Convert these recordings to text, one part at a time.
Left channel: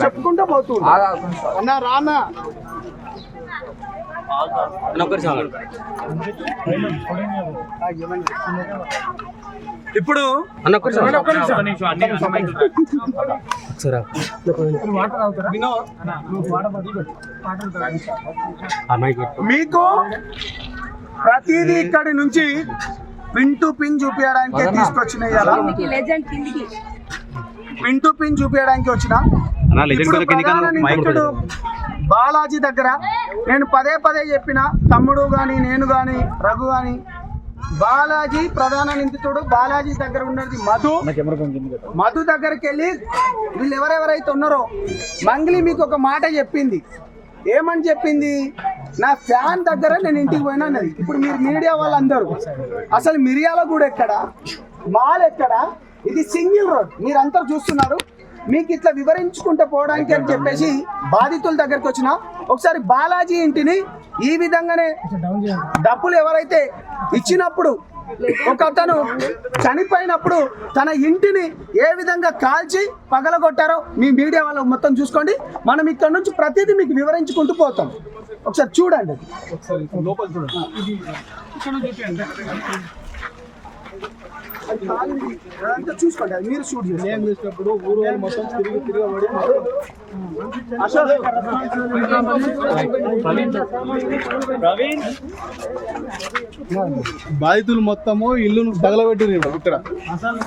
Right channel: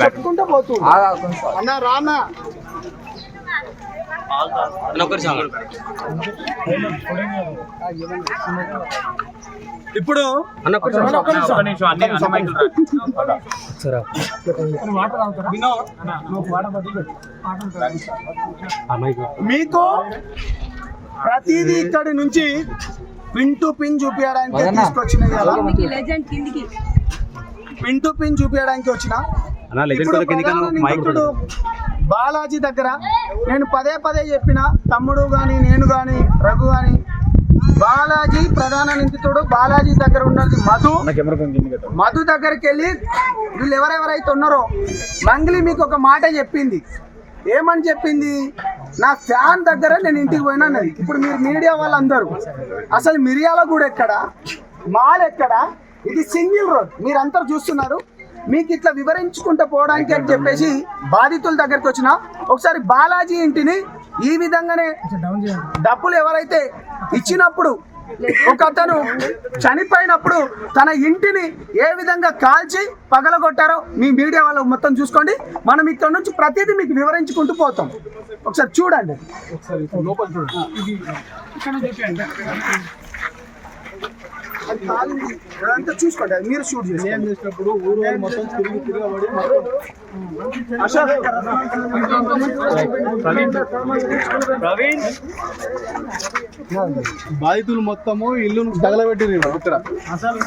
చెప్పుకుంటా పోతుండు అన్న రానా ఇప్పుడు మీకు ప్రతిదీ ఇక్కడి నుంచి పిన్ టు పిన్ చూపించడానికి తీసుకొచ్చినాయి. అలా పిన్ టు పిన్ చూపించడానికి వచ్చిన ఇప్పుడు బాలాజీ దగ్గర నేను పదే పదే చెప్పిన, తమ్ముడు కానీ నేను కానీ రఘు కానీ, బాలాజీ ప్రధాన నిందితుడు. బాలాజీ దగ్గర ఉన్నది మధు దగ్గరికి వెళ్ళి వీళ్ళు ఎవరెవరైతే ఉన్నారో మంగ్లీ మీకు ఒక మాట చెప్పింది. ఏమని చెప్పింది? నా ఫ్యాన్ దగ్గర నేను ఇంటికి పోయినా అన్నది. ఇప్పుడు మీరు మీడియా వాళ్ళందరూ అసలు మిర్యాలగూడ ఎక్కడ, మాల్ ఎక్కడ, ఇది సింగిల్ రోడ్ మీరంతా చూస్తున్నారు. మీకు ఇట్లా వివరించుకుంటూ పోవడానికి అని చెప్పేసి బాధితుల దగ్గరికి వచ్చిన. ఒకసారి బాలాజీ ఇంటిని ఈ విధంగానే డబ్బులు ఎవరైతే ఇచ్చినప్పుడు ఒక అతను చనిపోయినప్పుడు తన ఇంటిని ఏ విధంగా కాల్చి పగలగొట్టారో మీ మీడియా వాళ్ళు మొత్తం చూసుకోండి. మనం ఇక్కడ నుంచి ప్రతిదీ మీకు వివరించుకుంటూ పోతాం. ఒకసారి చూడండి, లోపల చూడండి. అదంతా చూసుకోండి, అది మీరు షూట్ చేసి ఏం చేసినప్పుడు ఊరు మొత్తం తిరగబడి బాధితులు మొత్తము ఇల్లును తగలబెట్టిరు ఇక్కడ. అసలు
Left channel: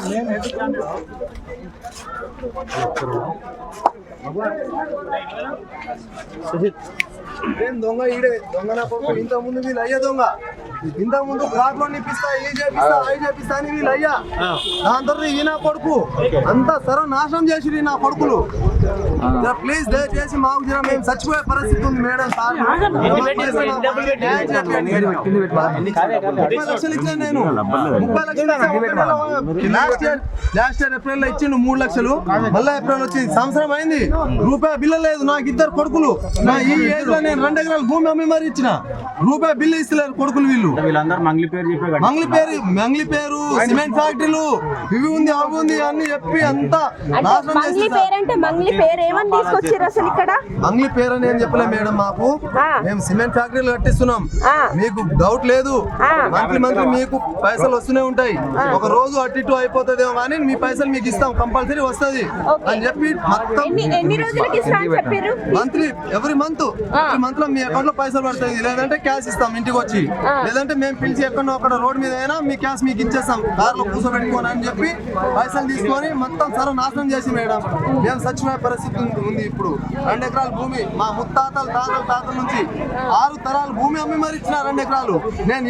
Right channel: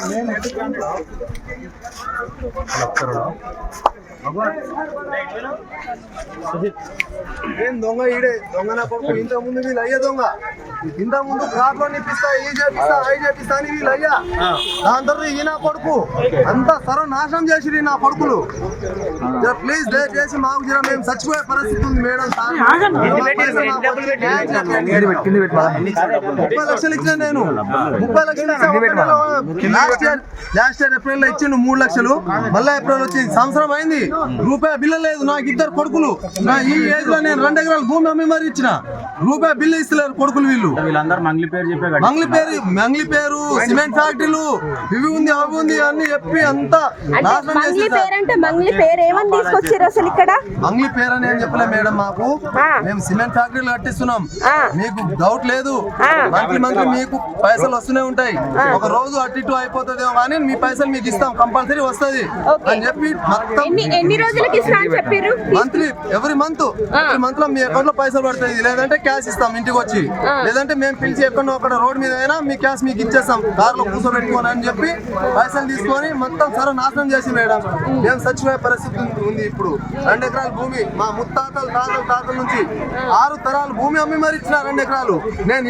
ఏం దొంగ ఈడే దొంగ నా పప్పు. ఇంత ముందు వీళ్ళు అయ్యే దొంగ, ఇంత ముందు కార్లో నిప్పిస్తా, ఏ చేపిస్తా, అవి చేపిస్తా అని వీళ్ళు అయ్యా. దాని తర్వాత ఈ నా కొడుకు అంతా సర్వనాశనం చేసి నా కొడుకులు. ప్లీజ్ దయచేసి మాకు జర మేము చచ్చిపోయే పరిస్థితి ఉంది మేడం. సార్ 30 లక్షలు ఇచ్చాను నేను. 30 లక్షలు లాస్ట్ ఇయర్ ఏప్రిల్ లో ఇచ్చిండు 3 లక్షలు. మళ్ళీ ఏప్రిల్ వచ్చి సంవత్సరం అయింది, రూపాయి బిల్లు లేదు. నాకు 2 కొడుకులు. నా ఈ ఏజ్ లో నేను 2 ఎకరాల భూమి అమ్మి మరి ఇచ్చిన, రూపాయి బిల్లు ఇస్తలేరు కొడుకులు. వీళ్ళు మంగ్లీ పేరు సిమెంట్ ఫ్యాక్టరీలు ఇవి ఉంది అవి ఉంది అన్ని చెప్పి అంతా నాశనం చేసి. మంగ్లీ పేరు అని ఏం చెప్పలే మేడం. మాకు మేము సిమెంట్ ఫ్యాక్టరీలు కట్టిస్తున్నాం, మీకు డౌట్ లేదు. మంత్లీ మీకు పైసలు వస్తూనే ఉంటాయి. ఒక రోజు అటు ఇటు అయిపోతుందేమో కానీ మీ పైసలు మీకు ఇస్తాం, కంపల్సరీ వస్తుంది అని చెప్పి మొత్తం ఎవ్రీ మంత్ లో మీ అకౌంట్ లో పైసలు పడుతుంది. లేదంటే క్యాష్ ఇస్తాం ఇంటికి వచ్చి, లేదంటే మేము పిలిచి ఎక్కడో అక్కడ రోడ్ మీద అయినా మీ క్యాష్ మీకు ఇచ్చేస్తాం కార్లో కూర్చోబెట్టుకోని అని చెప్పి పైసలు తీసుకొని మొత్తం సర్వనాశనం చేసి మేడం మేము చచ్చిపోయే పరిస్థితి ఉంది. ఇప్పుడు 2 ఎకరాల భూమి మా ముత్తాతల తాతల నుంచి 6 తరాల భూమి అమ్మి మరి ఇచ్చిన 2 ఎకరాలు. నేను